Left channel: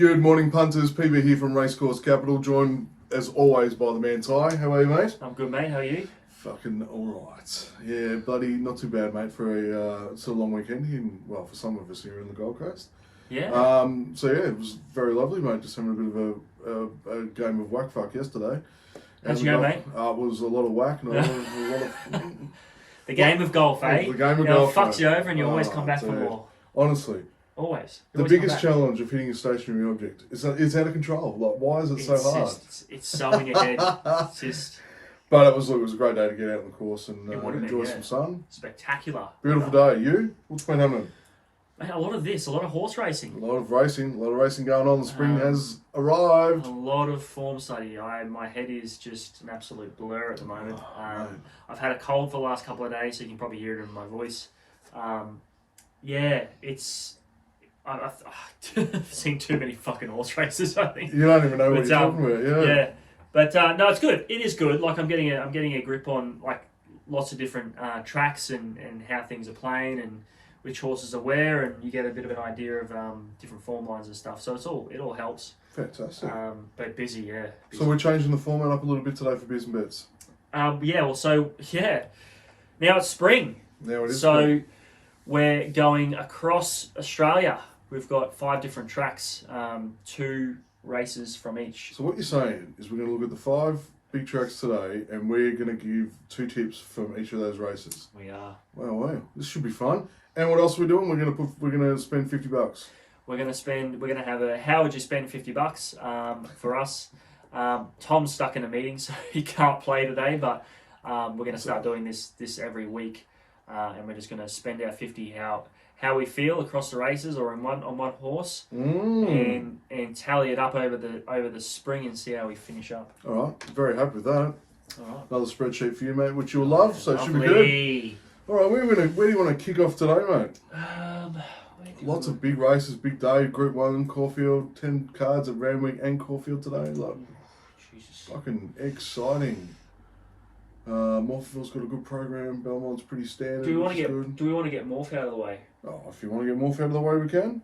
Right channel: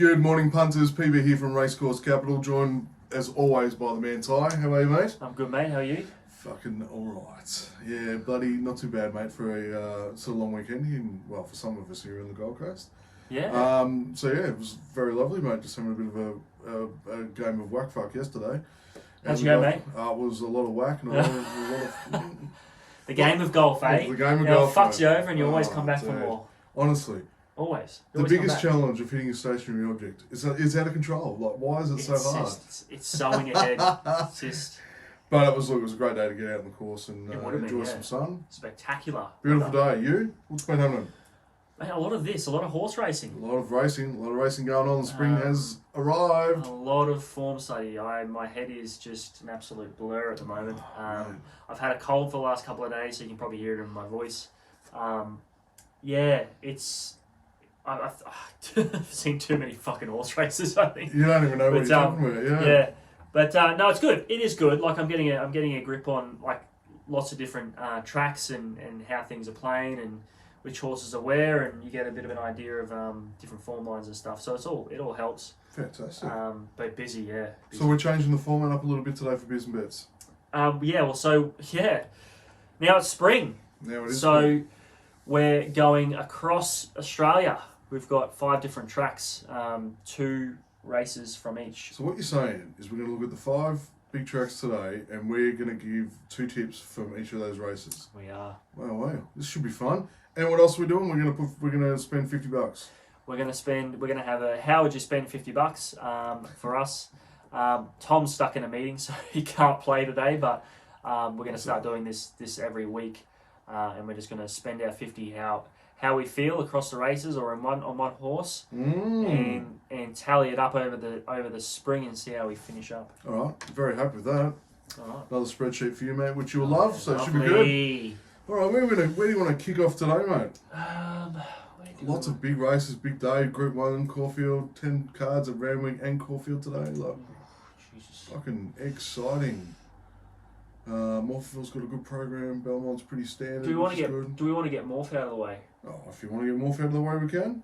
Good morning, punters. PB here from Racecourse Capital, joined as always by the man Ty. How are you, mate? I'm good, mate. How are you? Fucking alright. Yeah, bloody not too bad, mate, for a sort of long weekend here, well, for some of us here in the Gold Coast. Yeah. So yeah, it was very lovely, mate. Just having a bit of a game of whack fuck yesterday. How'd you go, mate? It was a lot of whack and a lot of The game of golf, eh? The game of Now, golf, it fucks mate. you over and you always come back for dude. more. Honestly, Always. the You always biggest come back. challenge of hitting a stationary object is that it's out of control. Like, why is it so hard? It's so in your head. It's just But it was a great day to get out on the course and It would have enjoy been, yeah. some sun. spectacular. Beautiful day. You? What's been happening? Mate, a lot of horse A racing. lot of racing going on. The spring has A arrived. lot of form study. My head is just an absolute blur at the moment. mate. I've had a cold for the last couple of days, so you can probably hear it in my voice. Yeah, it's. I've seen too many fucking horse races, I think. You don't even know what But, you're talking about. Yeah. Yeah, but no, it's good. It is good. Like I'm getting a grip on like lots of different tracks and how things are playing and which horses are where, and you get a bit of an idea of different form lines and stuff. So it all helps. Fantastic. But busy, yeah. Busy. So we're changing the format up a little bit today for Beers and Bets. Yeah. Well, so yeah. Now it's spring. Now it is. So spring. we're going across Australia. We've got 5 different tracks, 2 races from each. So what you're saying is we're going to look at the 5 big tracks today, and we're going to give 2 tips from each of those races. We are. Wow. This should be fun. And what else are we doing? We're going to spend $50. We're gonna have a how would you spend $50 for us. Tom's stuck in a meeting, so he can't play today, but we're gonna start doing this every week, and we're just gonna spend our 50 how we feel across the races or on one horse, and tally it up over the spring and see how we finish up. All right. Very happy with that. All right. Another spreadsheet for you, mate, which you'll love, so it should be good. Lovely. All right, where do you want to kick off today, mate? Where do Lots we- of big races, big day. Group 1, Caulfield, 10 cards at Randwick and Caulfield today. Like, Jesus. fucking exciting. Morpheville's got a good program. Belmont's pretty standard. Do we want which to is get good. Morph out of the way? Oh, if you want to get Morph out of the way, we can.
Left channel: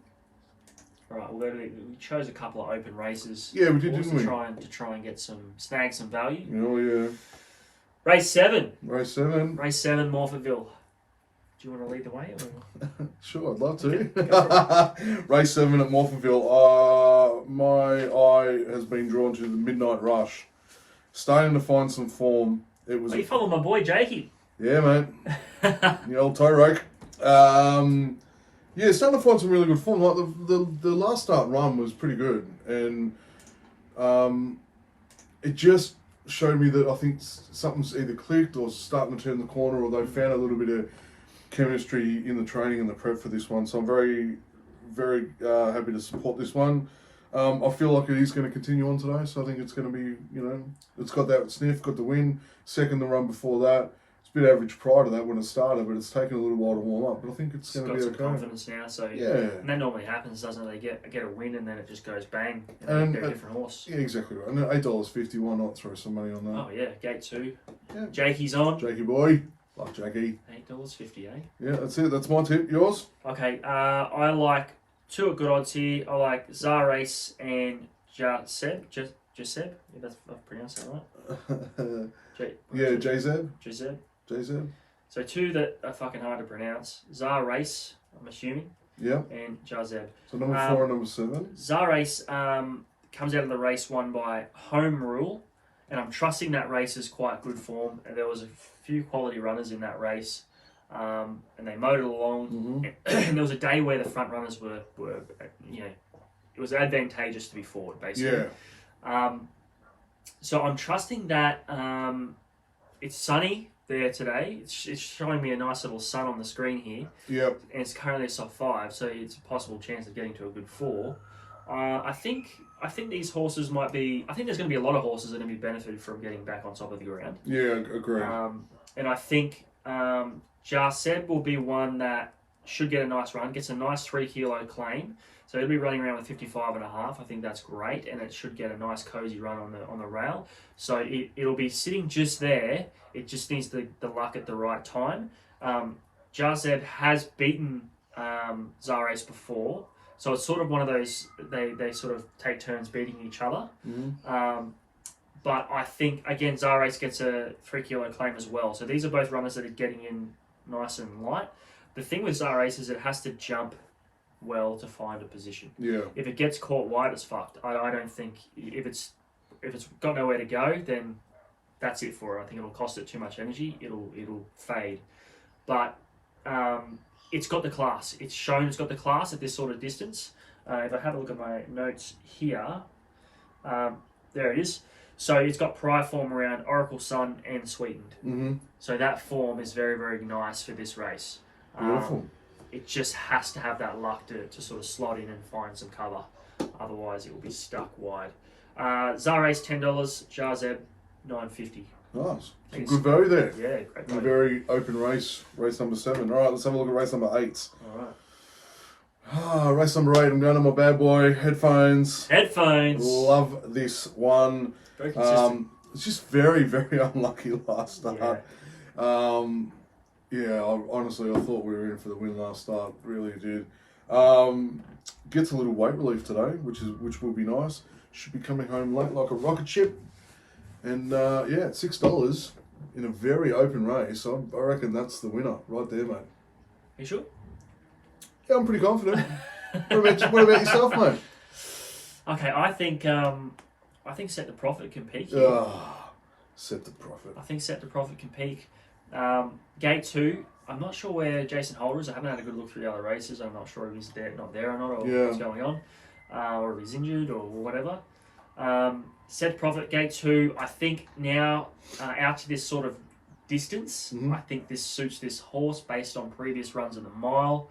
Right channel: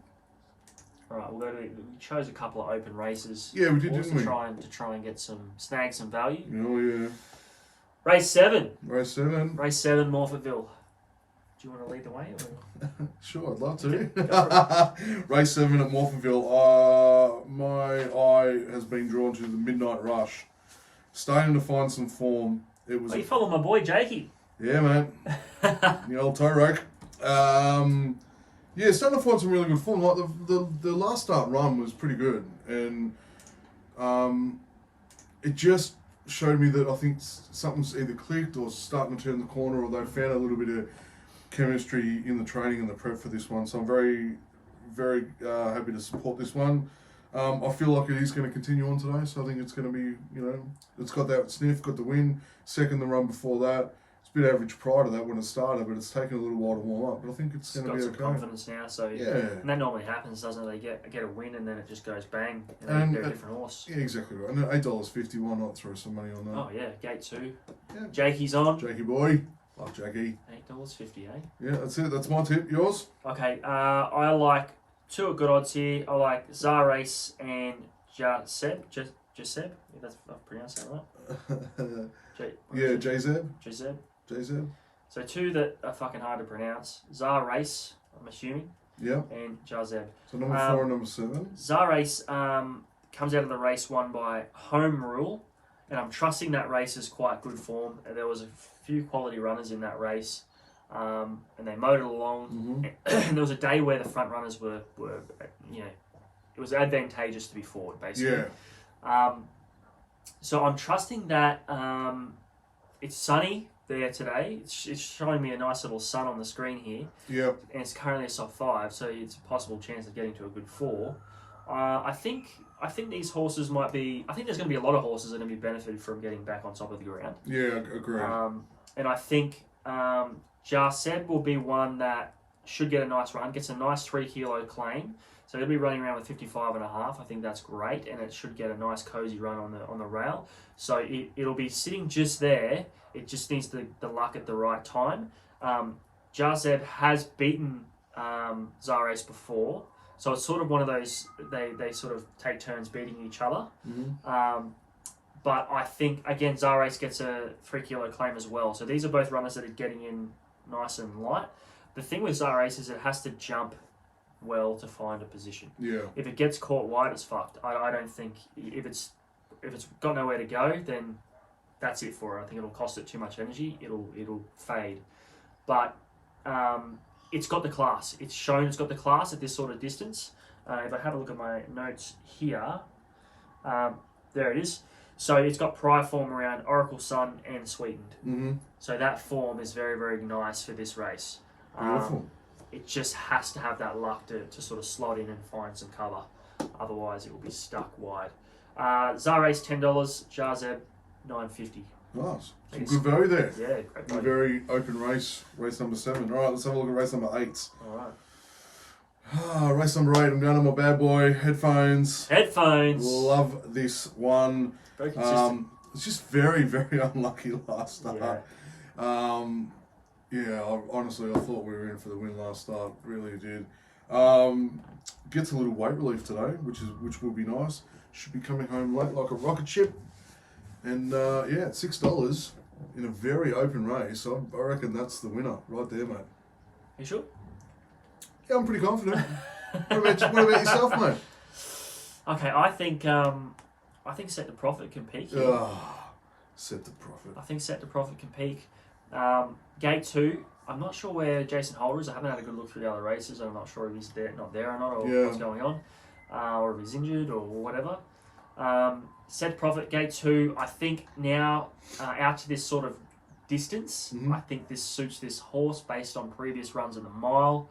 All right, we chose a couple of open races. Yeah, we did, Horse didn't we? to try and get snag some value. Oh, yeah. Race 7, Race 7. Morpheville. Do you want to lead the way? Or? Sure, I'd love to. Okay, Race 7 at Morpheville. My eye has been drawn to the Midnight Rush. Starting to find some form. It was Are you following my boy Jakey? Yeah, man. The old toe rake. Yeah, starting to find some really good form. Like the last start run was pretty good, and it just showed me that I think something's either clicked or starting to turn the corner, or they've found a little bit of chemistry in the training and the prep for this one. So I'm very, very happy to support this one. I feel like it is going to continue on today, so I think it's going to be, it's got that sniff, got the win, second the run before that. It's a bit average prior to that when it started, but it's taken a little while to warm up. But I think it's going to got be some okay. confidence now, so Yeah. And that normally happens, doesn't it? They get a win and then it just goes bang, and And they're a different horse. Yeah, exactly right. And at $8.50, why not throw some money on that? Oh yeah, gate 2. Yeah. Jakey's on. Jakey boy. Love Jakey. $8.50, eh? Yeah, that's it. That's my tip. Yours? Okay, I like 2 at good odds here. I like Zar Race and Jaseb. Jaseb? If I've pronounced that right. Yeah, JZ. Jaseb. JZ. So 2 that are fucking hard to pronounce. Zar Race, I'm assuming, Yeah. and Jazeb. So number 4 and number 7. Zar Race comes out of the race won by Home Rule, and I'm trusting that race is quite good form. And there was a few quality runners in that race, and they mowed it along. And there was a day where the front runners were it was advantageous to be forward, basically. Yeah. So I'm trusting that it's sunny there today. It's showing me a nice little sun on the screen here, Yep. and it's currently a soft 5, so it's a possible chance of getting to a good 4. I think these horses might be. I think there's going to be a lot of horses that are going to be benefited from getting back on top of the ground. Yeah, agree. And I think Jarseb will be one that should get a nice run, gets a nice 3 kilo claim. So he'll be running around with 55.5. I think that's great, and it should get a nice cozy run on the rail. So it'll be sitting just there. It just needs the luck at the right time. Jarzeb has beaten Zarace before, So it's sort of one of those, they sort of take turns beating each other. But I think, again, Zarace gets a 3 kilo claim as well. So these are both runners that are getting in nice and light. The thing with Zarace is it has to jump well to find a position. Yeah. If it gets caught wide, it's fucked. I don't think, if it's got nowhere to go, then that's it for it. I think it'll cost it too much energy. It'll fade. But it's got the class. It's shown it's got the class at this sort of distance. If I have a look at my notes here, there it is. So it's got prior form around Oracle Sun and Sweetened. So that form is very, very nice for this race. Beautiful. It just has to have that luck to sort of slot in and find some cover. Otherwise, it will be stuck wide. Zarace $10, Jarzeb $9.50. Nice. Some good value there. Yeah, great In a value. very open race, race number 7. All right, let's have a look at race number 8. All right. Race number 8, I'm going to my bad boy, headphones. Headphones. Love this one. Very consistent. It's just very, very unlucky last start. Honestly, I thought we were in for the win last start. Really did. Gets a little weight relief today, which will be nice. Should be coming home late like a rocket ship. And at $6 in a very open race, I reckon that's the winner right there, mate. You sure? Yeah, I'm pretty confident. What about yourself, mate? Okay, I think Set the Profit can peak. Set the profit. I think Set the Profit can peak. Gate 2, I'm not sure where Jason Holder is. I haven't had a good look through the other races. I'm not sure if he's not there or not, or what's going on, or if he's injured or whatever. Set Profit, Gate 2, I think now out to this sort of distance, I think this suits this horse based on previous runs in the mile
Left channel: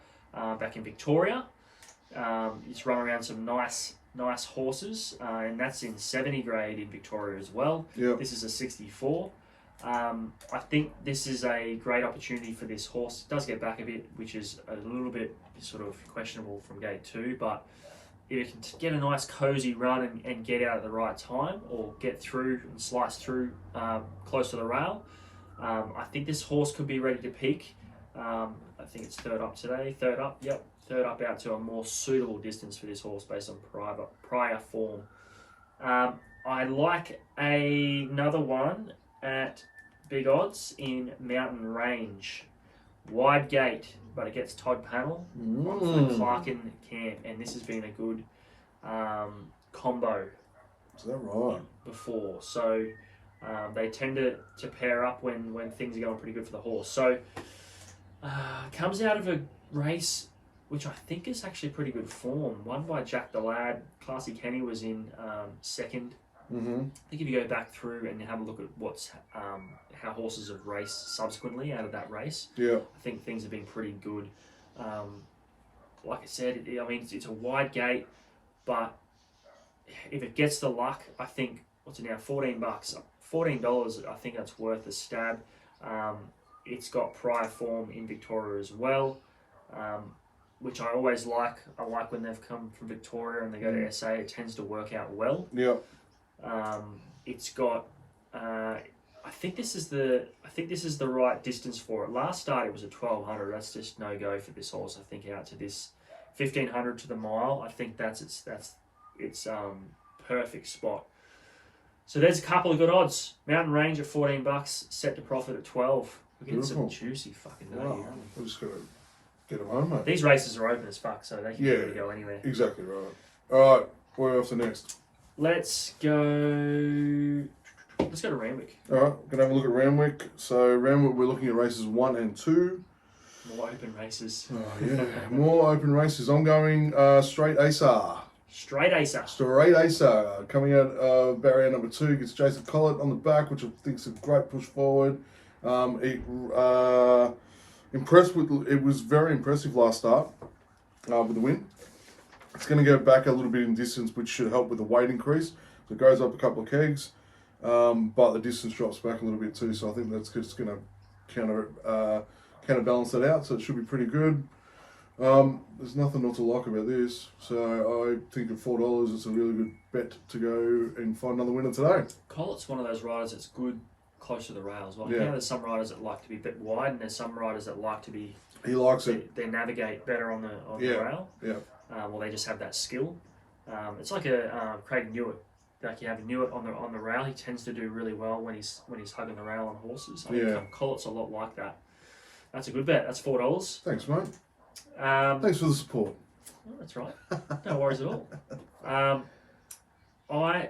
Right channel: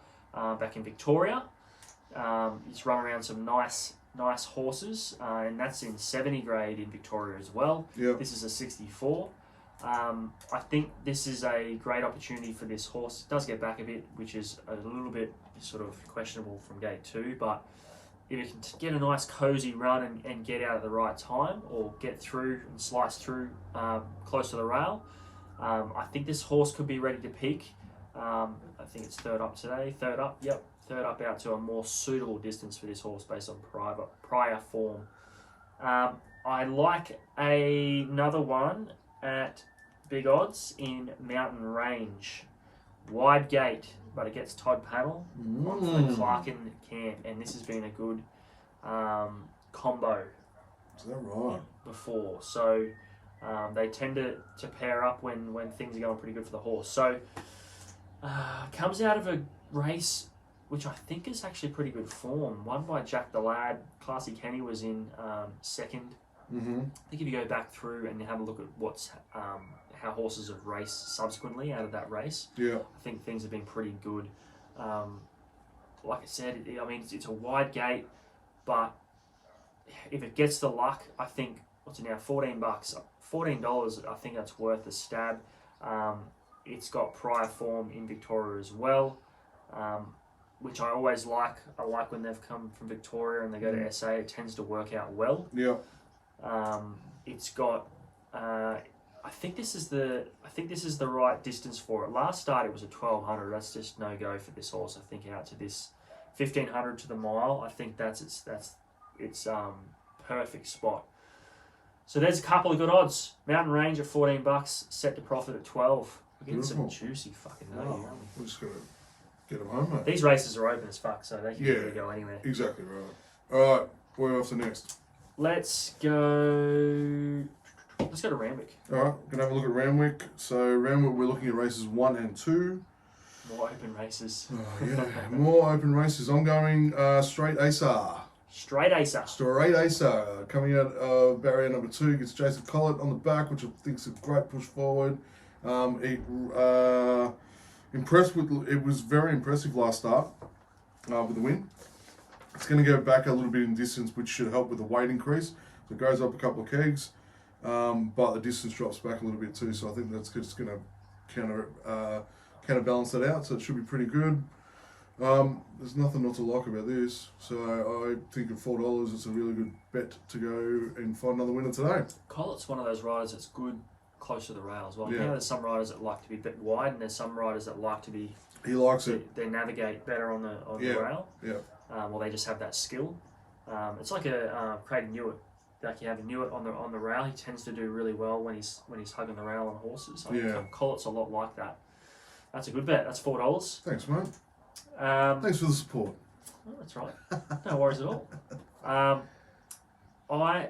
back in Victoria. He's run around some nice horses, and that's in 70 grade in Victoria as well. Yep. This is a 64. I think this is a great opportunity for this horse. It does get back a bit, which is a little bit sort of questionable from Gate 2, but if you can get a nice cozy run and get out at the right time, or get through and slice through close to the rail, I think this horse could be ready to peak. I think it's third up today. Third up out to a more suitable distance for this horse based on prior form. I like another one at big odds in Mountain Range. Wide gate, but it gets Todd Panel for the Clarkin camp, and this has been a good combo. Is that right? Before, so they tend to pair up when things are going pretty good for the horse. So comes out of a race which I think is actually pretty good form. Won by Jack the Lad. Classy Kenny was in second. I think if you go back through and have a look at how horses have raced subsequently out of that race, I think things have been pretty good. Like I said, it's a wide gate, but if it gets the luck, I think, what's it now, $14? $14, I think that's worth a stab. It's got prior form in Victoria as well, which I always like. I like when they've come from Victoria and they go to SA. It tends to work out well. It's got. I think this is the right distance for it. Last start it was a 1200. That's just no go for this horse. I think out to this 1500 to the mile. I think that's its perfect spot. So there's a couple of good odds. Mountain Range at $14. Set to Profit at 12. We're getting some juicy fucking value. I'm just gonna get them home, mate. These races are open as fuck, so they can really go anywhere. Exactly right. All right, where else to next? Let's go to Randwick. All right, gonna have a look at Randwick. So Randwick, we're looking at races 1 and 2. More open races. More open races. I'm going straight Acer. Straight Acer. Straight Acer. Coming out barrier number 2 gets Jason Collett on the back, which I think is a great push forward. It was very impressive last start with the win. It's going to go back a little bit in distance, which should help with the weight increase. So it goes up a couple of kegs, but the distance drops back a little bit too. So I think that's just going to counterbalance that out. So it should be pretty good. There's nothing not to like about this. So I think at $4, it's a really good bet to go and find another winner today. Collett's one of those riders that's good close to the rails. Well, there's some riders that like to be a bit wide, and there's some riders that like to be. He likes it. They navigate better on the rail. Yeah. Well, they just have that skill. It's like a Craig Newitt. Like you have Newitt on the rail. He tends to do really well when he's hugging the rail on horses. I think Collett's a lot like that. That's a good bet. That's $4. Thanks, mate. Thanks for the support. Oh, that's right. No worries at all. I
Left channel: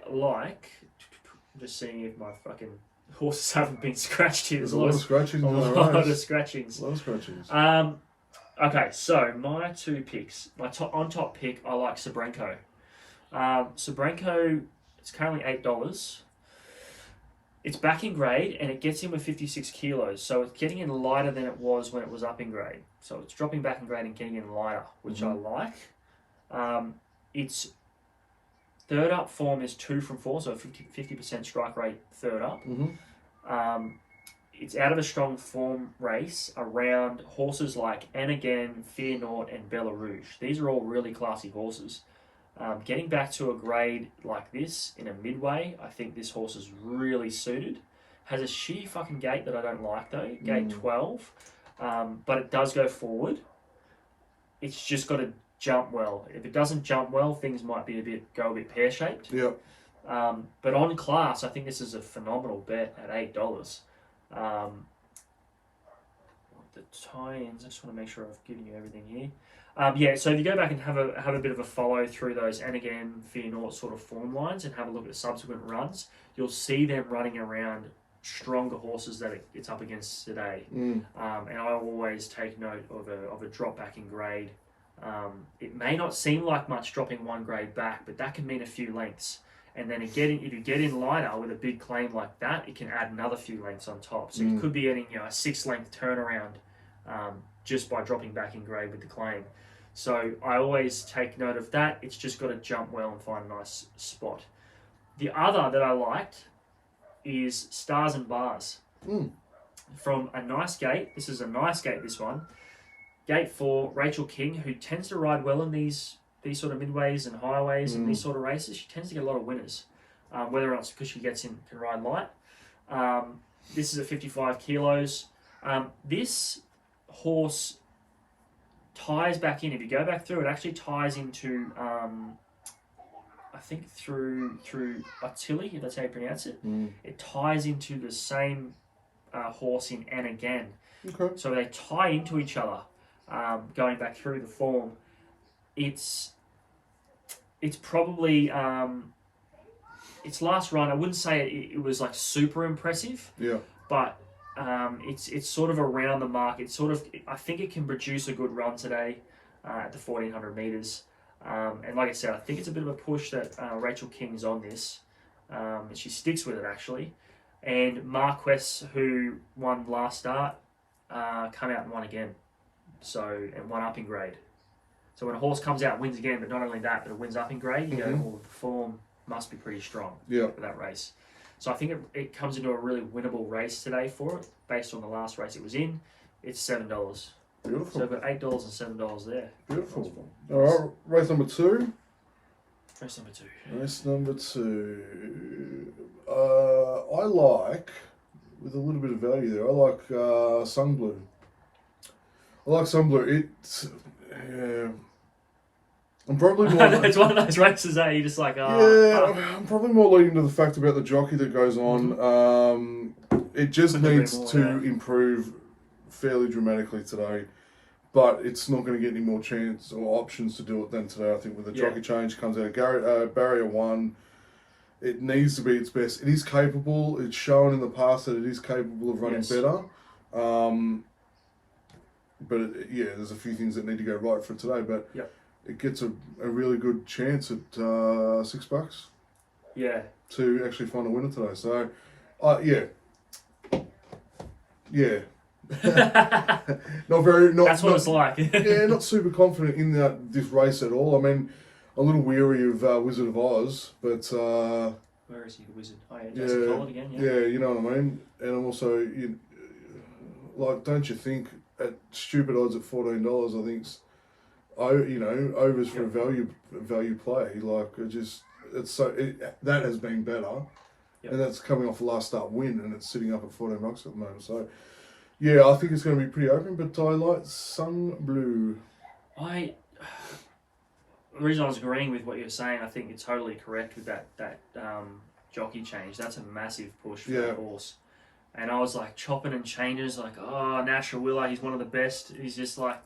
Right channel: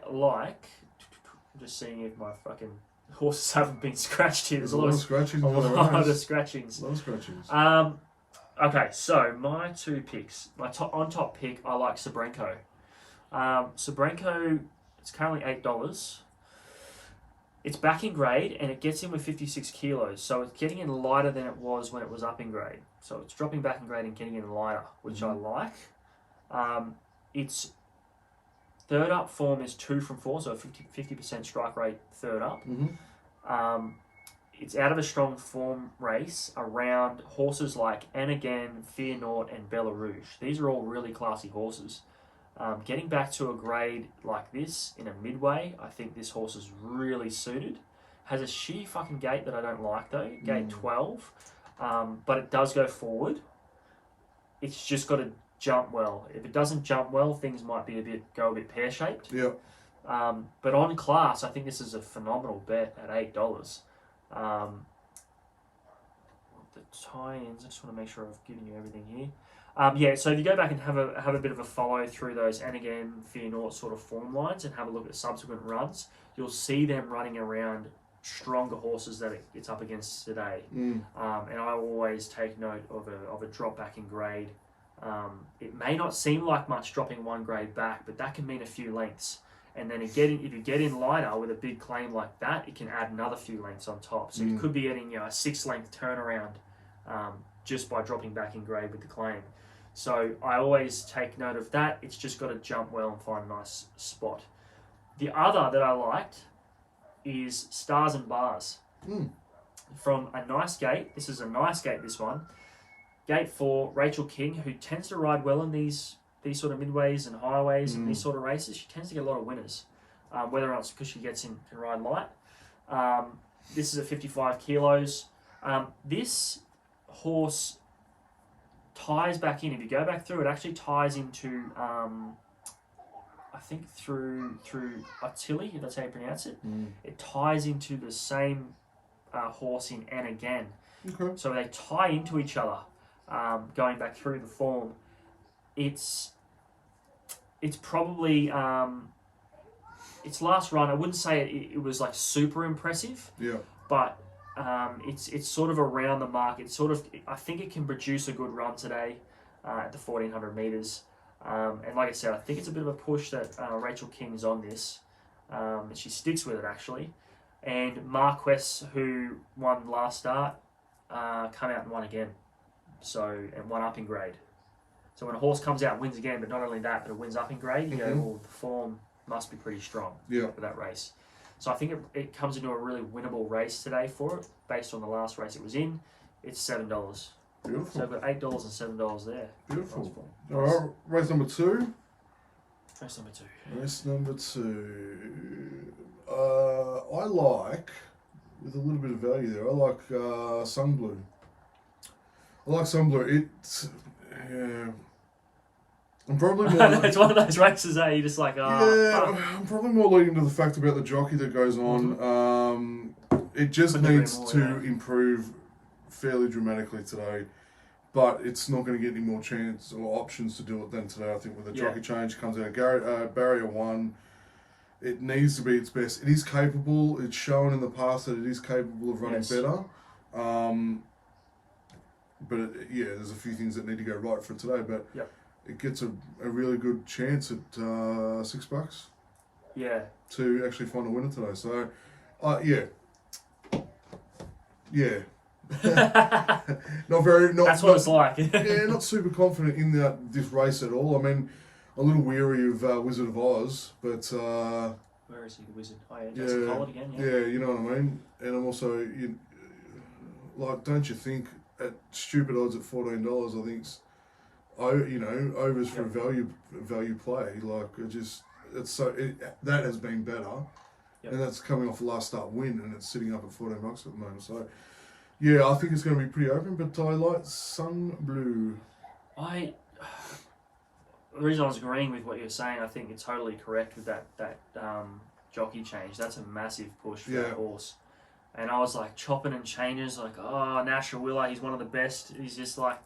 like. I'm just seeing if my fucking horses haven't been scratched here. There's a lot of scratchings. A lot of scratchings. A lot of scratchings. Okay, so my two picks. My on top pick, I like Sabrenko. Sabrenko, it's currently $8. It's back in grade and it gets in with 56 kilos, so it's getting in lighter than it was when it was up in grade. So it's dropping back in grade and getting in lighter, which I like. Its third up form is 2 from 4, so 50% strike rate third up. It's out of a strong form race around horses like Anagan, Fear Naught, and Bella Rouge. These are all really classy horses. Getting back to a grade like this in a midway, I think this horse is really suited. Has a shitty fucking gait that I don't like though, gate 12, but it does go forward. It's just got to jump well. If it doesn't jump well, things might be go a bit pear-shaped. Yeah. But on class, I think this is a phenomenal bet at $8. The tie-ins, I just want to make sure I've given you everything here. So if you go back and have a bit of a follow through those Anagan, Fear Naught sort of form lines and have a look at subsequent runs, you'll see them running around stronger horses that it's up against today. And I always take note of a drop back in grade. It may not seem like much dropping one grade back, but that can mean a few lengths. And then if you get in lighter with a big claim like that, it can add another few lengths on top. So you could be getting a 6-length turnaround just by dropping back in grade with the claim. So I always take note of that. It's just got to jump well and find a nice spot. The other that I liked is Stars and Bars. From a nice gate. This is a nice gate, this one. Gate 4, Rachel King, who tends to ride well in these sort of midways and highways and these sort of races. She tends to get a lot of winners, whether or not it's because she can ride light. This is at 55 kilos. This horse ties back in. If you go back through, it actually ties into, I think through Attili, if that's how you pronounce it. It ties into the same horse in Anagan. Okay. So they tie into each other, going back through the form. It's probably its last run. I wouldn't say it was like super impressive. Yeah. But it's sort of around the mark. I think it can produce a good run today at the 1400 meters. And like I said, I think it's a bit of a push that Rachel King's on this. And she sticks with it actually. And Marquess, who won last start, come out and won again. And won up in grade. So when a horse comes out and wins again, but not only that, but it wins up in grade, you go, well, the form must be pretty strong for that race. So I think it comes into a really winnable race today for it, based on the last race it was in. It's $7. Beautiful. So I've got $8 and $7 there. Beautiful. All right, race number 2. Race number 2. Race number 2. I like, with a little bit of value there, I like Sunblue. It's... I'm probably more... It's one of those races that you're just like, I'm probably more leaning to the fact about the jockey that goes on. It just needs to improve fairly dramatically today, but it's not going to get any more chance or options to do it than today. I think with the jockey change comes out barrier 1. It needs to be its best. It is capable. It's shown in the past that it is capable of running better. But there's a few things that need to go right for today. But it gets a really good chance at $6. Yeah. To actually find a winner today. So, That's what it's like. Not super confident in this race at all. I mean, a little weary of Wizard of Oz, but where is he, the Wizard? Oh, yeah, Jason Collett again. Yeah, you know what I mean. And I'm also, don't you think at stupid odds at $14, I think, overs for a value play. Like that has been better, and that's coming off a last start win, and it's sitting up at $14 at the moment. So, I think it's going to be pretty open. But I like Sunblue. the reason I was agreeing with what you're saying, I think you're totally correct with that jockey change. That's a massive push for that horse. And I was like chopping and changes, like, oh, Natural Willow, he's one of the best. He's just like,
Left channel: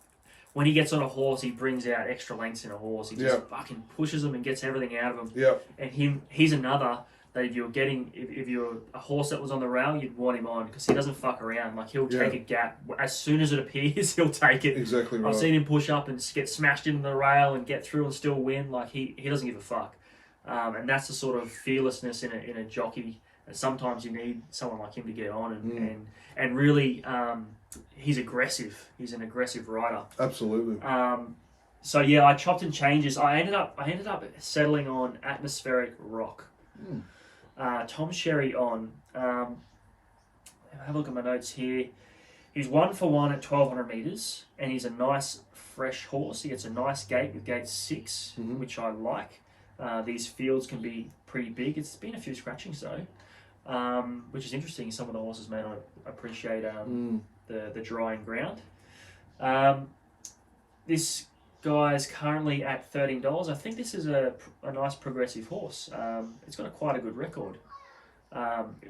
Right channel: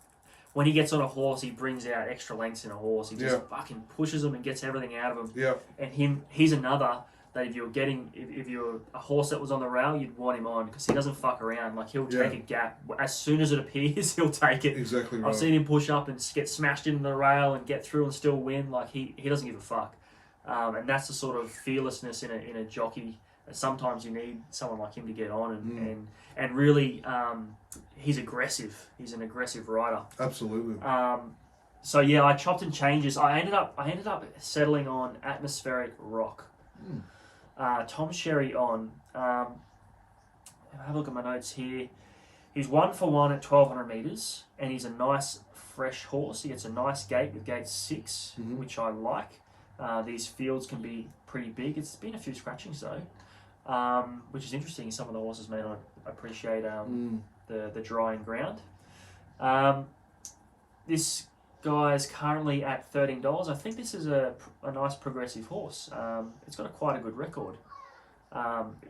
when he gets on a horse, he brings out extra lengths in a horse. He just fucking pushes them and gets everything out of them. Yeah. And he's another that if you're a horse that was on the rail, you'd want him on because he doesn't fuck around. Like, he'll take a gap. As soon as it appears, he'll take it. Exactly right. I've seen him push up and get smashed into the rail and get through and still win. Like, he doesn't give a fuck. And that's the sort of fearlessness in a jockey. And sometimes you need someone like him to get on and really, he's aggressive. He's an aggressive rider. Absolutely. So yeah, I chopped and changes. I ended up settling on Atmospheric Rock. Tom Sherry on. Have a look at my notes here. He's 1 for 1 at 1,200 meters, and he's a nice fresh horse. He gets a nice gate with gate 6, which I like. These fields can be pretty big. It's been a few scratchings though, which is interesting. Some of the horses may not appreciate the drying ground. This guy's currently at $13. I think this is a nice progressive horse. It's got quite a good record.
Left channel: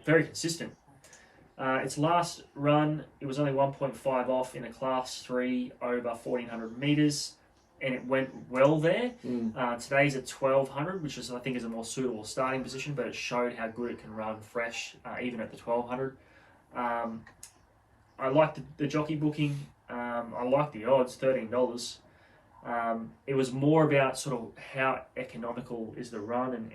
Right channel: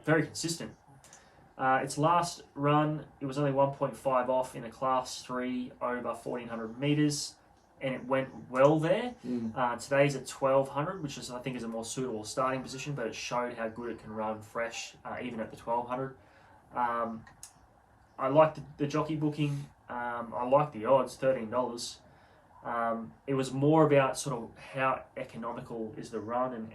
Very consistent. Its last run, it was only 1.5 off in a class 3 over 1,400 meters, and it went well there. Today's at 1,200, which I think is a more suitable starting position, but it showed how good it can run fresh, even at the 1,200. I like the jockey booking. I like the odds, $13. It was more about sort of how economical is the run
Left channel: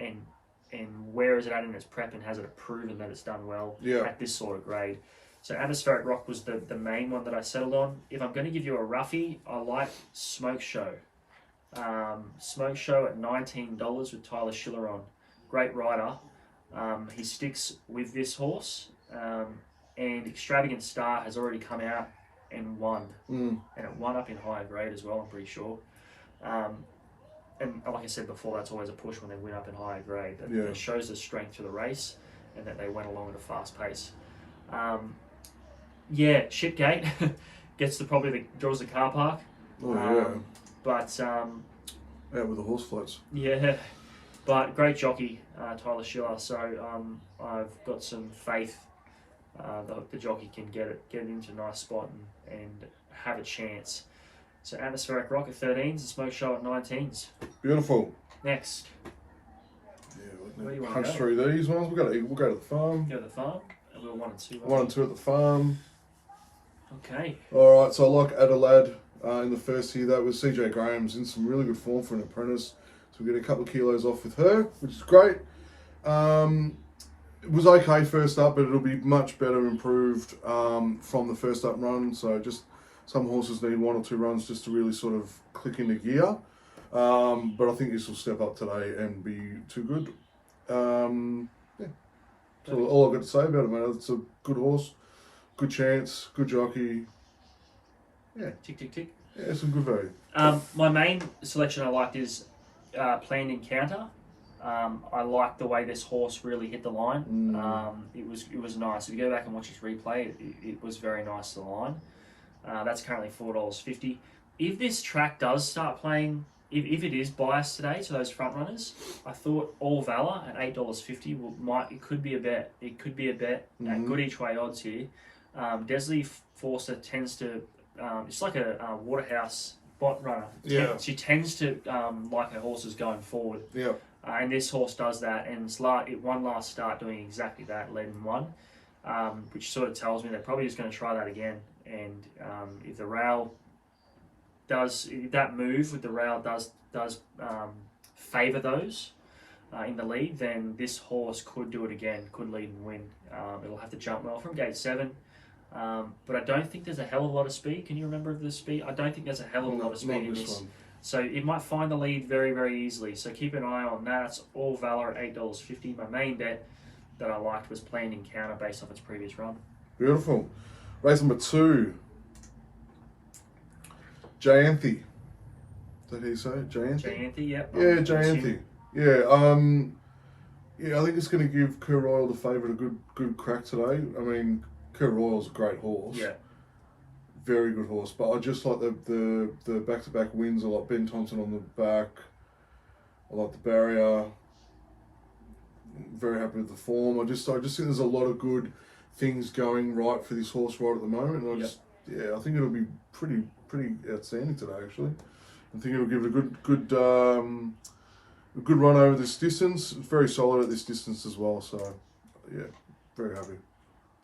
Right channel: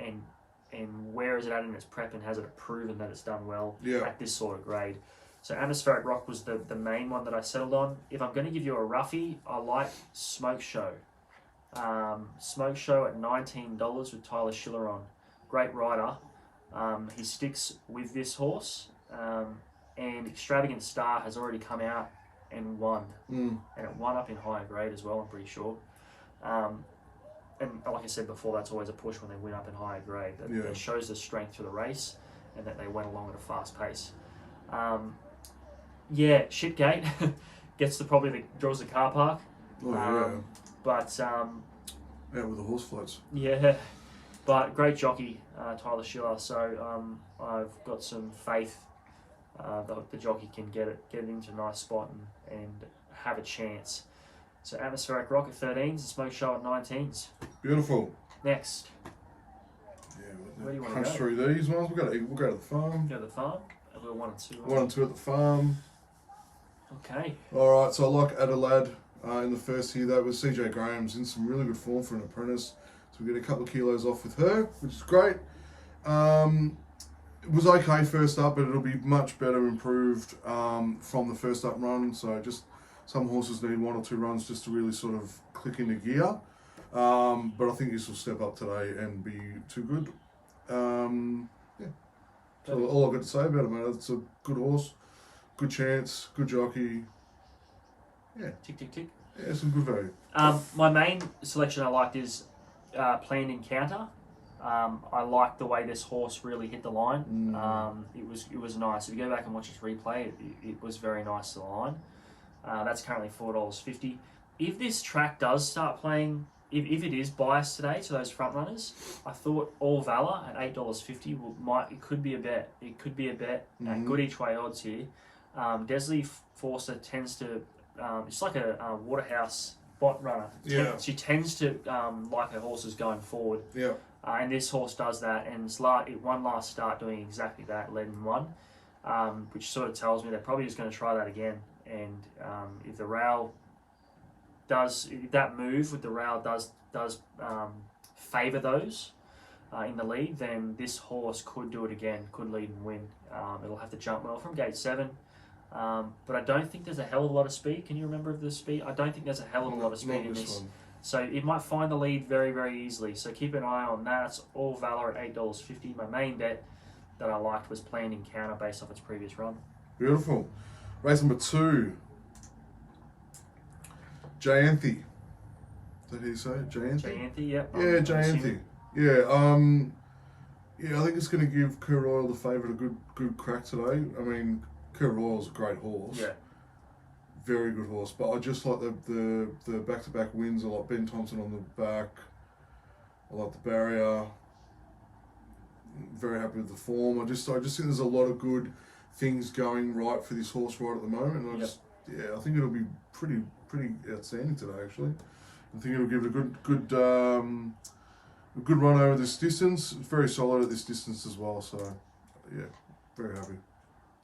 and where is it at in its prep and has it proven that it's done well at this sort of grade. So Atmospheric Rock was the main one that I settled on. If I'm going to give you a roughie, I like Smoke Show. Smoke Show at $19 with Tyler Schiller on. Great rider. He sticks with this horse. And Extravagant Star has already come out and won. And it won up in higher grade as well, I'm pretty sure. And like I said before, that's always a push when they win up in higher grade. It shows the strength to the race and that they went along at a fast pace. Shipgate gets draws the car park. But out with the horse floats. Yeah, but great jockey, Tyler Schiller. So I've got some faith the jockey can get it into a nice spot and have a chance. So Atmospheric Rock at 13s and Smoke Show at 19s. Beautiful. Next. Where do you want to punch through these ones? We'll go to the farm. Go to the farm. And we're 1 and 2. 1 and 2 at the farm. Okay. All right. So I like Adelaide in the first here. That was CJ Graham's in some really good form for an apprentice. So we get a couple of kilos off with her, which is great. It was okay first up, but it'll be much better improved from the first up run. So just some horses need 1 or 2 runs just to really sort of click into gear. But I think this will step up today and be too good. So all I've got to say about it, mate. It's a good horse, good chance, good jockey. Yeah. Tick, tick, tick. Yeah, some good value. My main selection I liked is Planned Encounter. I like the way this horse really hit the line. It was nice. If you go back and watch its replay, it was very nice to the line. That's currently $4.50. If this track does start playing, if it is biased today to those front runners, I thought All Valor at $8.50 it could be a bet. It could be a bet at good each way odds here. Desley Forster tends to, it's like a Waterhouse bot runner. She tends to like her horses going forward. Yeah. And this horse does that, and it won last start doing exactly that, led and won, which sort of tells me they're probably just going to try that again. And if the rail if that move with the rail does favour those in the lead, then this horse could do it again, could lead and win. It'll have to jump well from gate 7. But I don't think there's a hell of a lot of speed. Can you remember the speed? I don't think there's a hell of a lot of speed in this one. So it might find the lead very, very easily. So keep an eye on that. It's All Valor at $8.50. My main bet that I liked was Planned Encounter based off its previous run. Beautiful. Race number 2. Jayanthi. Is that how you say it? Jayanthi? Jayanthi, yep. Yeah, Jayanthi. Yeah, I think it's going to give Kerr Royal, the favourite, a good crack today. I mean, Kerr Royal's a great horse. Yeah. Very good horse, but I just like the back-to-back wins. I like Ben Thompson on the back. I like the barrier. Very happy with the form. I just think there's a lot of good things going right for this horse right at the moment, and I think it'll be pretty outstanding today. Actually, I think it'll give it a good run over this distance. It's very solid at this distance as well. So, yeah, very happy.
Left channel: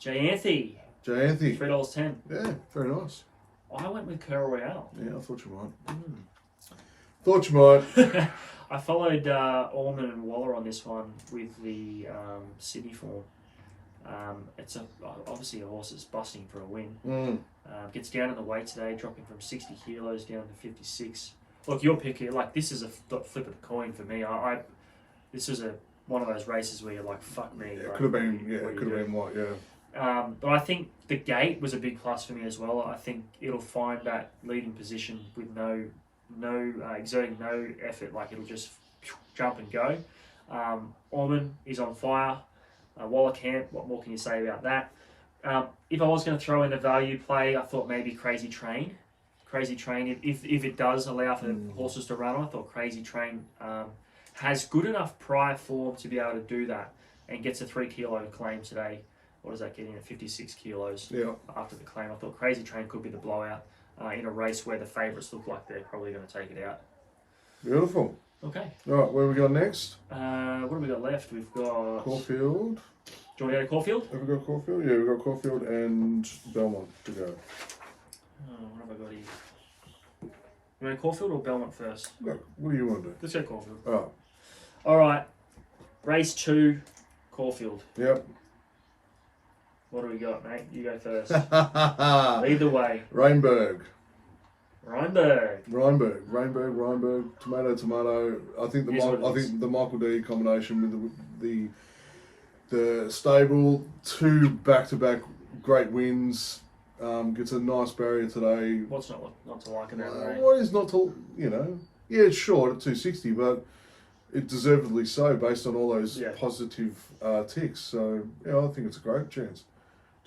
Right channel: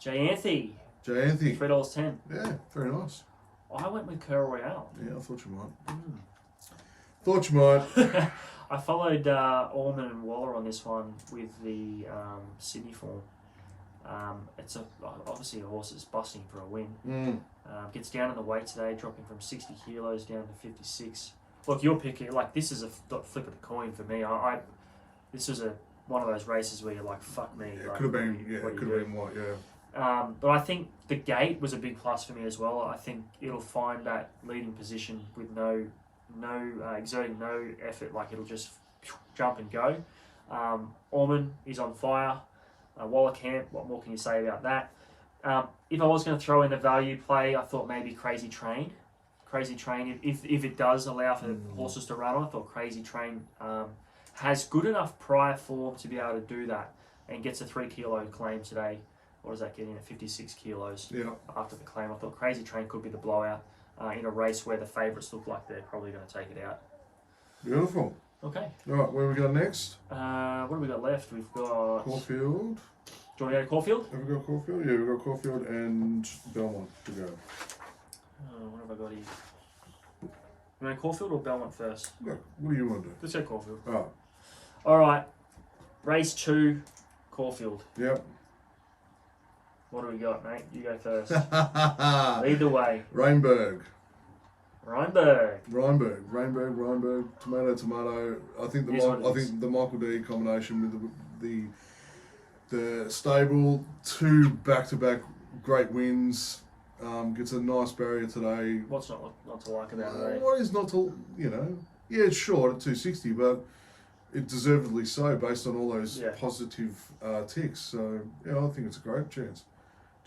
Jayanthi. $3.10. Yeah, very nice. I went with Curl Royale. Yeah, I thought you might. Thought you might. I followed Orman and Waller on this one with the Sydney form. It's obviously a horse that's busting for a win. Gets down in the weight today, dropping from 60 kilos down to 56. Look, your pick here, like this is a flip of the coin for me. This was one of those races where you're like, fuck me. Yeah, like, could have been. Yeah, it could have been what. Yeah. But I think the gate was a big plus for me as well. I think it'll find that leading position with no exerting no effort. Like it'll just jump and go. Orman is on fire. Waller Camp, what more can you say about that? If I was going to throw in a value play, I thought maybe Crazy Train. If it does allow for horses to run on, I thought Crazy Train has good enough prior form to be able to do that and gets a 3 kilo claim today. What does that get in at 56 kilos? Yeah. After the claim, I thought Crazy Train could be the blowout in a race where the favourites look like they're probably going to take it out. Beautiful. Okay. All right, where we go next? What have we got left? We've got Caulfield. Do you want to go to Caulfield? Have we got Caulfield? Yeah, we've got Caulfield and Belmont to go. What have I got here? You want to Caulfield or Belmont first? Look, what do you want to do? Let's go Caulfield. Oh. All right. Race 2, Caulfield. Yep. What do we got, mate? You go first. Lead the way. Reinberg. Reinberg. Tomato. I think the Michael D combination with the stable, 2 back-to-back great wins. Gets a nice barrier today. What's not to like about it? What is not to, yeah, it's short at 260, but it deservedly so based on all those positive ticks. So yeah, I think it's a great chance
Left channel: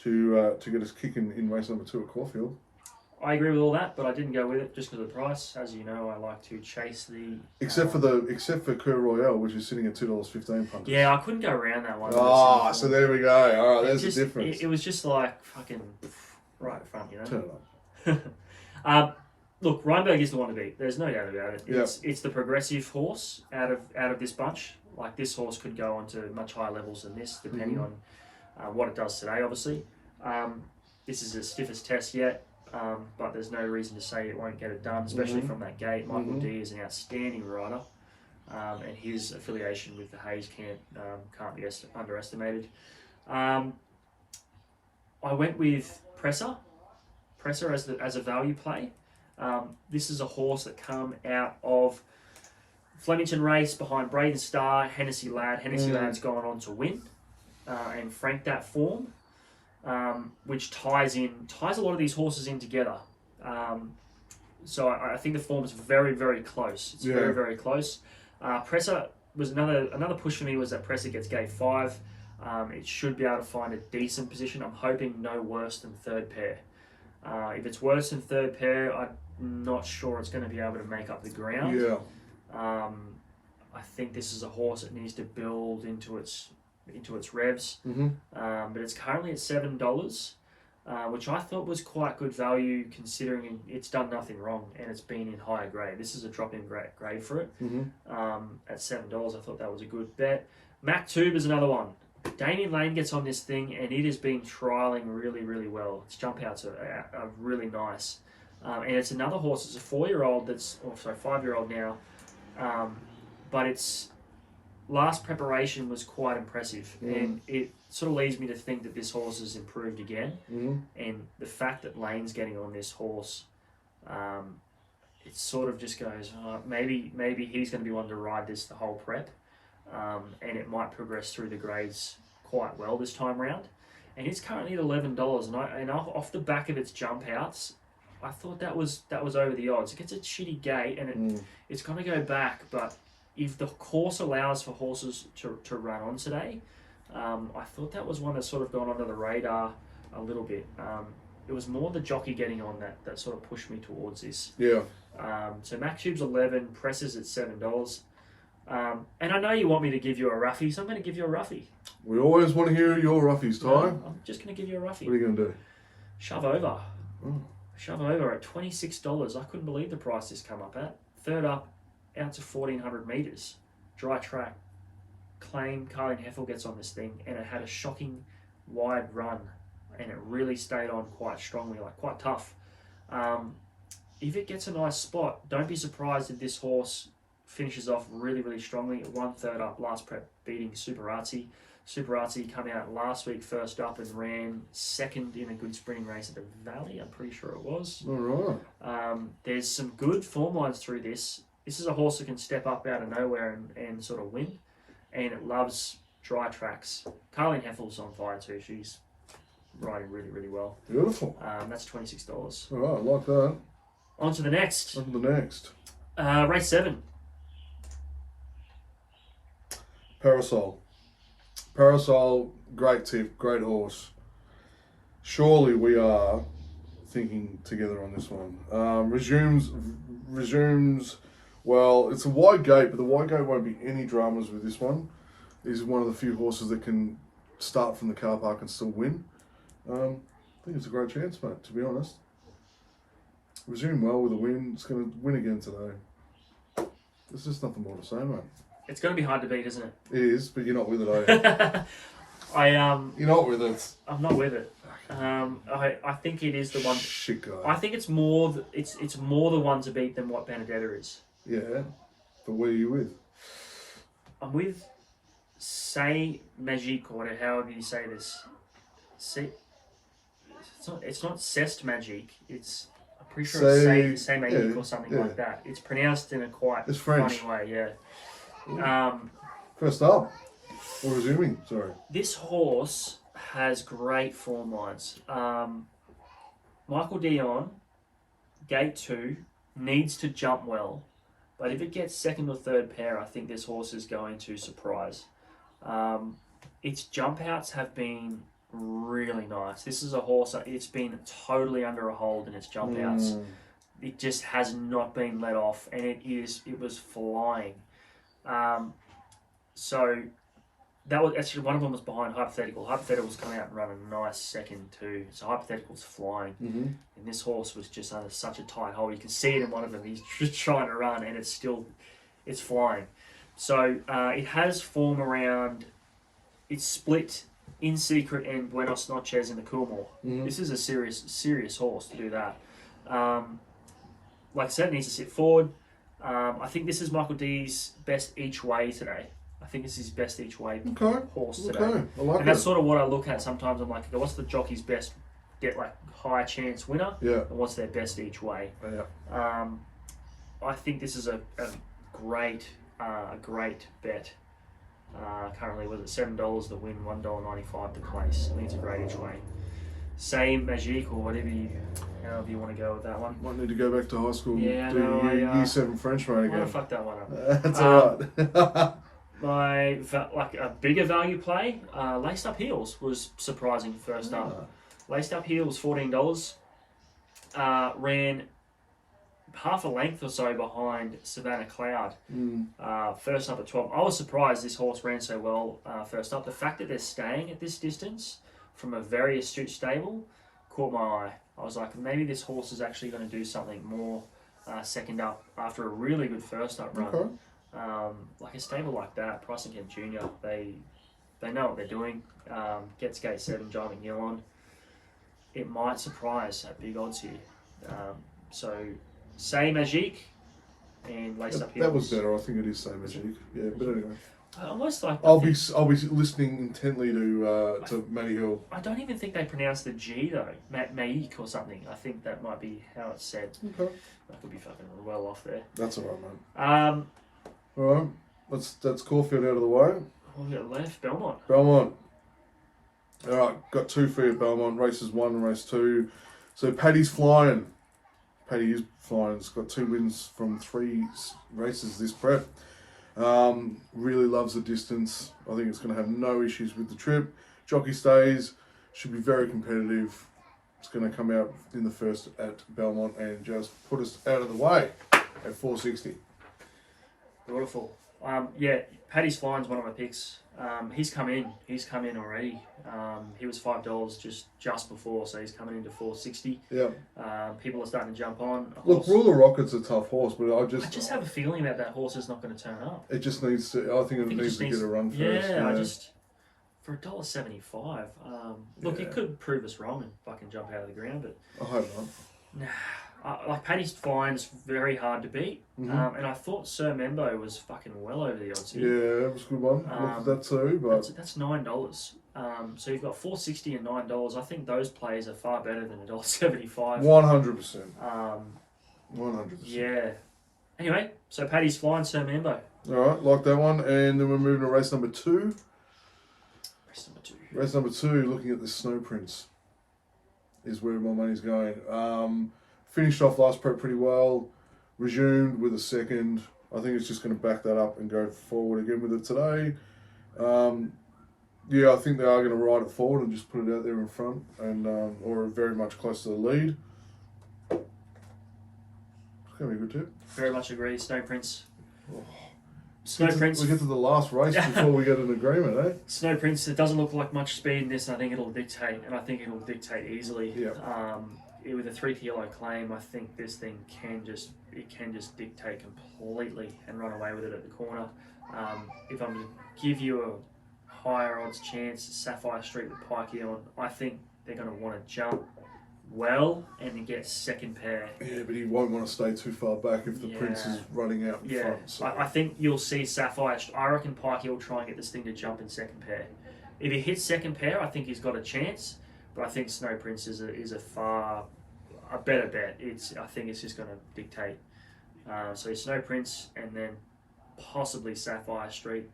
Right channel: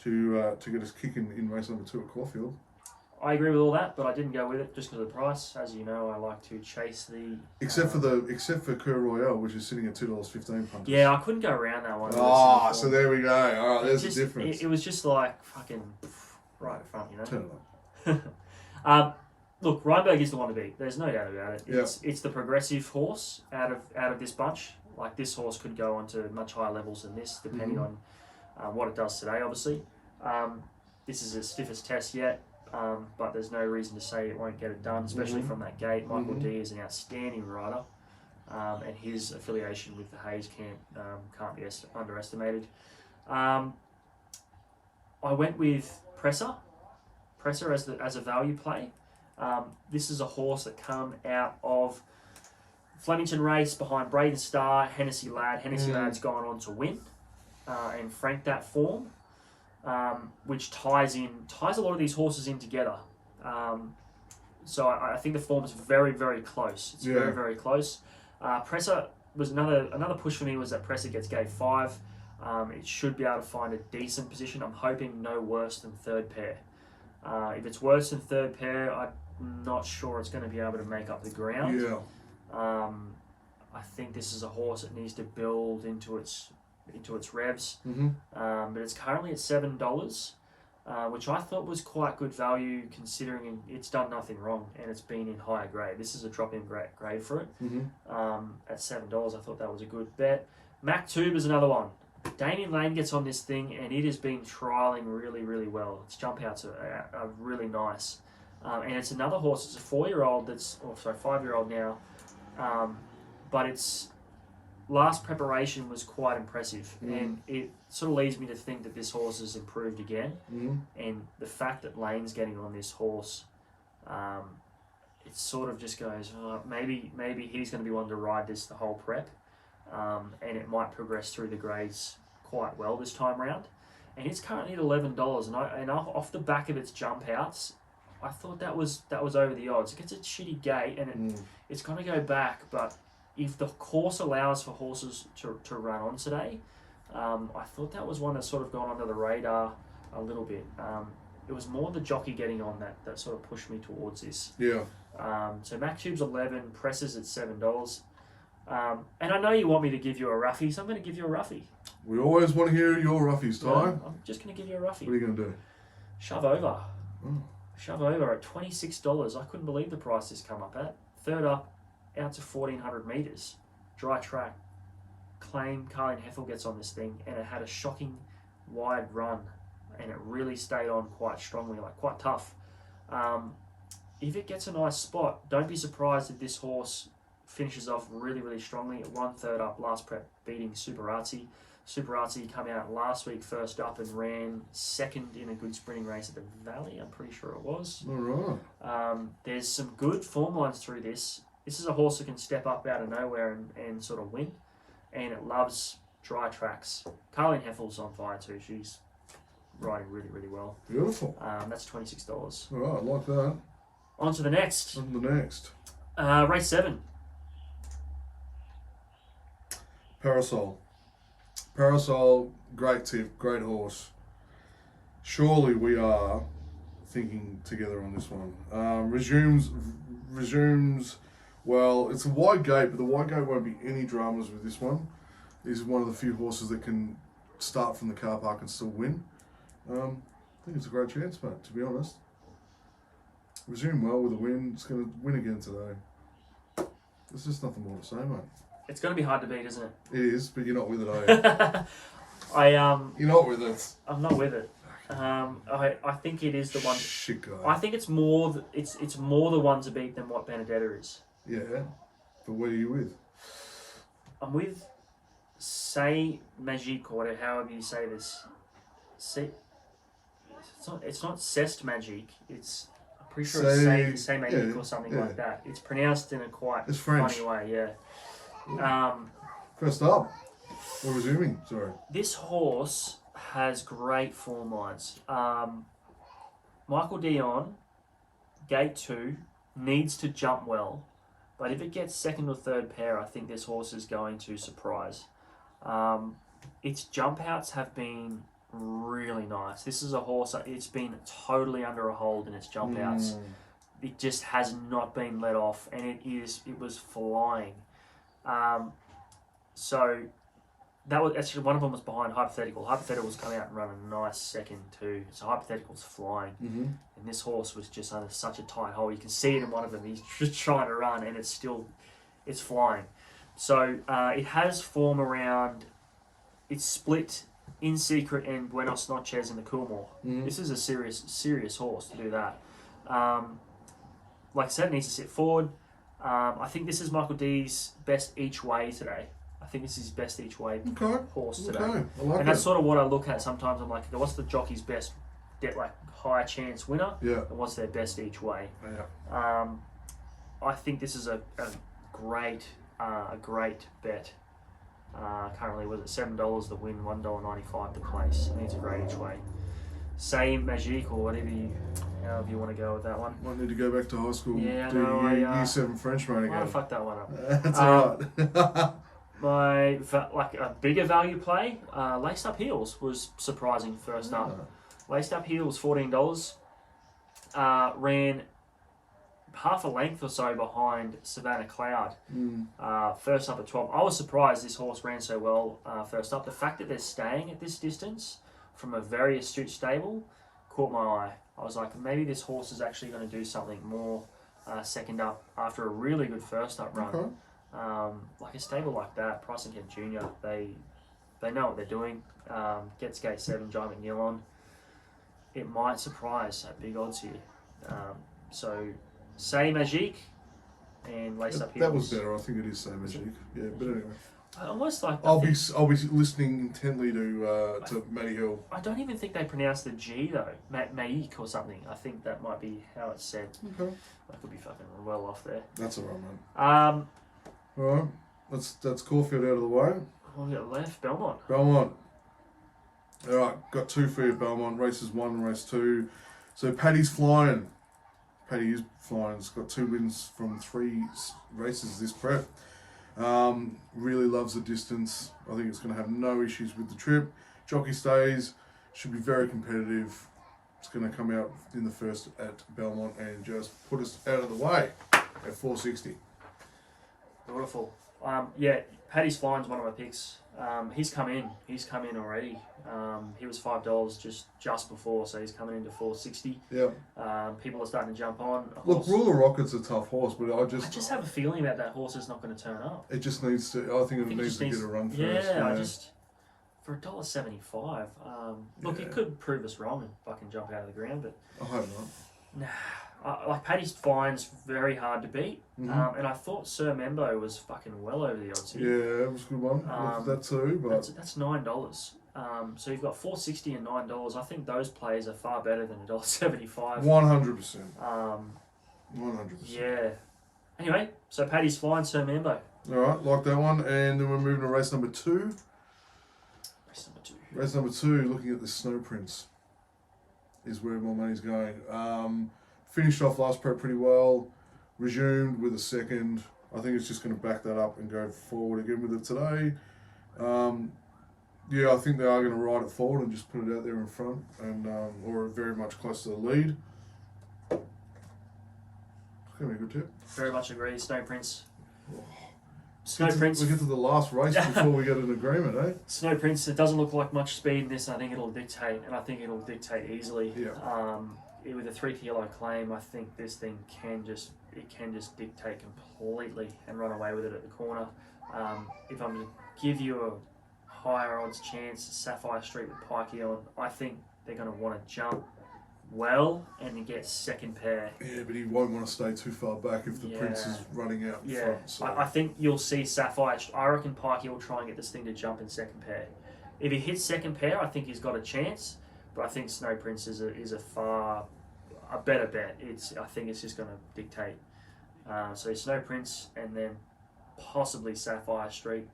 to get us kicking in race number 2 at Caulfield. I agree with all that, but I didn't go with it just because of the price. As you know, I like to chase the except for Cur Royale, which is sitting at $2.15 punters. Yeah, I couldn't go around that one. So there we go. All right, there's the difference. It was just like fucking right in front, Turn it up. Look, Reinberg is the one to beat. There's no doubt about it. Yep. It's the progressive horse out of this bunch. Like this horse could go on to much higher levels than this, depending on what it does today. Obviously, this is the stiffest test yet. But there's no reason to say it won't get it done, especially from that gate. Michael D is an outstanding rider, and his affiliation with the Hayes camp can't be underestimated. I went with Presser as a value play. This is a horse that come out of Flemington race behind Braden Star, Hennessy Lad. Hennessy Lad's gone on to win and frank that form. Which ties a lot of these horses in together. So I think the form is very, very close. It's very, very close. Presser was another push for me was that Presser gets gate 5. It should be able to find a decent position. I'm hoping no worse than 3rd pair. If it's worse than 3rd pair, I'm not sure it's going to be able to make up the ground. Yeah. I think this is a horse that needs to build into its revs, but it's currently at $7, which I thought was quite good value considering it's done nothing wrong and it's been in higher grade. This is a drop-in grade for it. At $7, I thought that was a good bet. Mac Tube is another one. Damien Lane gets on this thing and it has been trialling really, really well. Its jump outs are really nice, and it's another horse. It's a 4-year-old 5-year-old now, but its last preparation was quite impressive, and it sort of leads me to think that this horse has improved again. And the fact that Lane's getting on this horse, it sort of just goes, maybe he's going to be one to ride this the whole prep, and it might progress through the grades quite well this time round. And it's currently at $11, and off the back of its jump outs, I thought that was over the odds. It gets a shitty gate, and it's going to go back, but if the course allows for horses to run on today, I thought that was one that's sort of gone under the radar a little bit. It was more the jockey getting on that sort of pushed me towards this. Yeah. So Mac Tube's 11, Presser's at $7. And I know you want me to give you a roughie, so I'm going to give you a roughie. We always want to hear your roughies, Ty. I'm just going to give you a roughie. What are you going to do? Shove over. Oh. Shove over at $26. I couldn't believe the price this come up at. Third up, out to 1,400 metres. Dry track. Claim Carling Heffel gets on this thing, and it had a shocking wide run, and it really stayed on quite strongly, like quite tough. If it gets a nice spot, don't be surprised if this horse finishes off really, really strongly. It won third up last prep, beating Superazzi. Superazzi come out last week first up and ran second in a good sprinting race at the Valley, I'm pretty sure it was. All right. There's some good form lines through this. This is a horse that can step up out of nowhere and sort of win, and it loves dry tracks. Carling Heffel's on fire too. She's riding really, really well. Beautiful. That's $26. All right, I like that. On to the next. On to the next. Race 7. Parasol. Parasol, great tip, great horse. Surely we are thinking together on this one. Resumes. Well, it's a wide gate, but the wide gate won't be any dramas with this one. He's one of the few horses that can start from the car park and still win. I think it's a great chance, mate, to be honest. Resume well with a win. It's going to win again today. There's just nothing more to say, mate. It's going to be hard to beat, isn't it? It is, but you're not with it, are you? You're not with it. I'm not with it. I think it is the one. Shit guy. I think it's more. It's more the one to beat than what Benedetta is. Yeah, but what are you with? I'm with Say Magique, or whatever, however you say this. Say. It's not Cest Magique. It's. I'm pretty sure it's Say Magique or something like that. It's pronounced in a quite French. funny way. Yeah. First up, we're resuming. Sorry. This horse has great form lines. Michael Dion, gate 2, needs to jump well, but if it gets second or third pair, I think this horse is going to surprise. Its jump outs have been really nice. This is a horse, it's been totally under a hold in its jump outs. It just has not been let off, and it was flying. So that was actually one of them was behind Hypothetical. Hypothetical was coming out and run a nice second too. So Hypothetical's flying, and this horse was just under such a tight hold. You can see it in one of them. He's just trying to run, and it's flying. So it has form around. It's split In Secret and Buenos Noches in the Coolmore. This is a serious horse to do that. Like I said, it needs to sit forward. I think this is Michael D's best each way today. I think this is his best each way horse today. Okay, I like and that's sort of what I look at sometimes. I'm like, okay, what's the jockey's best get like high chance winner? Yeah. And what's their best each way? Yeah. I think this is a great bet. Currently, was it $7 the win, $1.95 the place. I think it's a great each way. Same Magique or however you want to go with that one. Might need to go back to high school. Yeah, do year 7 French mate again. I fucked that one up. That's alright. Like a bigger value play, Laced Up Heels was surprising first up. Laced Up Heels, $14. Ran half a length or so behind Savannah Cloud. First up at 12. I was surprised this horse ran so well first up. The fact that they're staying at this distance from a very astute stable caught my eye. I was like, maybe this horse is actually going to do something more second up after a really good first up run. Okay. Like a stable like that, Price and Kent Jr., they know what they're doing. Gets gate 7, John McNeil on. It might surprise at big odds here. So, Say Magique and Lace Up Heels. That was better. I think it is Say Magique. Yeah, but anyway. Almost like I'll be listening intently to Matty Hill. I don't even think they pronounce the G though, Maik or something. I think that might be how it's said. Okay. I could be fucking well off there. That's alright, man. All right, that's Caulfield out of the way. We'll get left Belmont. All right, got 2 for you, Belmont. Races 1 and race 2. So Paddy's flying. Paddy is flying. It's got 2 wins from 3 races this prep. Really loves the distance. I think it's going to have no issues with the trip. Jockey stays. Should be very competitive. It's going to come out in the first at Belmont and just put us out of the way at 460. Beautiful. Yeah, Paddy's Fine's one of my picks. He's come in. He's come in already. He was $5 just before, so he's coming into $4.60. Yeah. People are starting to jump on. Look, Ruler Rocket's a tough horse, but I just have a feeling that horse is not going to turn up. it just needs to. I think it needs to get a run first. Yeah, I just for $1.75. Look, Yeah. it could prove us wrong and fucking jump out of the ground, but I hope not. nah. Like Paddy's Fine's very hard to beat, Mhm. and I thought Sir Membo was fucking well over the odds here. Yeah, it was a good one. Looked at that too, but That's $9. So you've got $4.60 and $9. I think those plays are far better than $1.75. 100%. 100%. Yeah. Anyway, so Paddy's Fine, Sir Membo. All right, like that one, and then we're moving to race number 2. Race number 2. Race number 2, looking at the Snow Prince, is where my money's going. Finished off last prep pretty well, resumed with a second. I think it's just going to back that up and go forward again with it today. Yeah, I think they are going to ride it forward and just put it out there in front, and or very much close to the lead. It's going to be a good tip. Very much agree. Snow Prince. Oh. Snow Prince. We get to the last race before we get an agreement, eh? Snow Prince. It doesn't look like much speed in this, and I think it'll dictate easily. Yeah. With a 3-kilo claim, I think this thing can just dictate completely and run away with it at the corner. If I'm to give you a higher odds chance, Sapphire Street with Pikey on, I think they're going to want to jump well and you get second pair. Yeah, but he won't want to stay too far back if the Prince is running out in front. So. I think you'll see Sapphire. I reckon Pikey will try and get this thing to jump in second pair. If he hits second pair, I think he's got a chance. But I think Snow Prince is a better bet. I think it's just going to dictate. So Snow Prince and then possibly Sapphire Street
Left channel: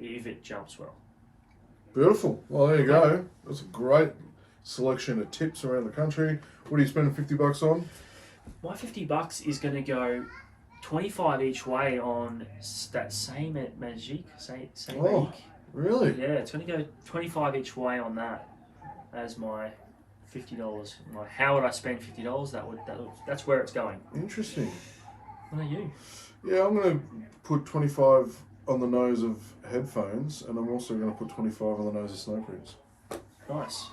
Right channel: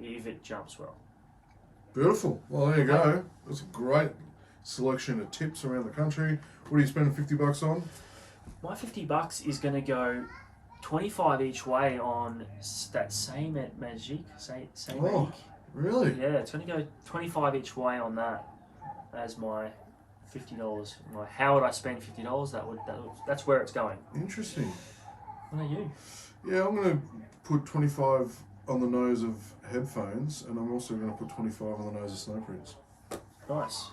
if it jumps well. Beautiful. Well, there you go. That's a great selection of tips around the country. What are you spending $50 on? My $50 is going to go 25 each way on that same at Magic. Same Magic. Really? Yeah, it's going to go 25 each way on that as my $50. How would I spend $50? That's where it's going. Interesting. What about you? Yeah, I'm going to put 25 on the nose of headphones, and I'm also going to put 25 on the nose of Snow Prince. Nice.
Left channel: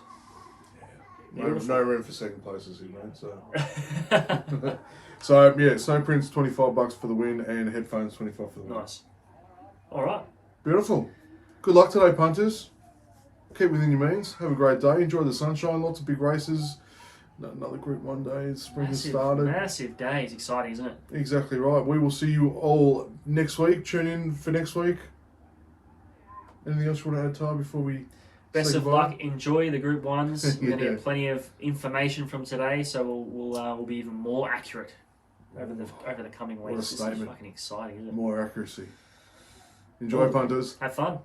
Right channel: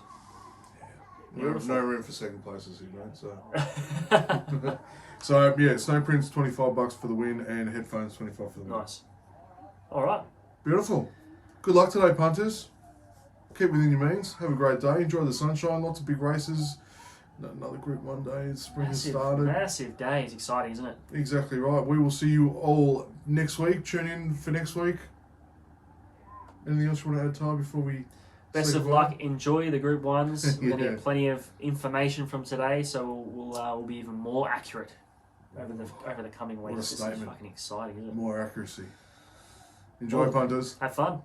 Yeah. No room for second places here, mate. So, so yeah, Snow Prince $25 for the win, and headphones 25 for the win. Nice. All right. Beautiful. Good luck today, punters. Keep within your means. Have a great day. Enjoy the sunshine. Lots of big races. Another Group 1 day. Spring has started. Massive day. It's exciting, isn't it? Exactly right. We will see you all next week. Tune in for next week. Anything else you want to add, Ty, before we Best say of goodbye? luck. Enjoy the Group 1s. We're going to Yeah. get plenty of information from today, so we'll be even more accurate over the coming weeks. What a This is statement. fucking exciting, isn't it? More accuracy. Enjoy, punters. Have fun.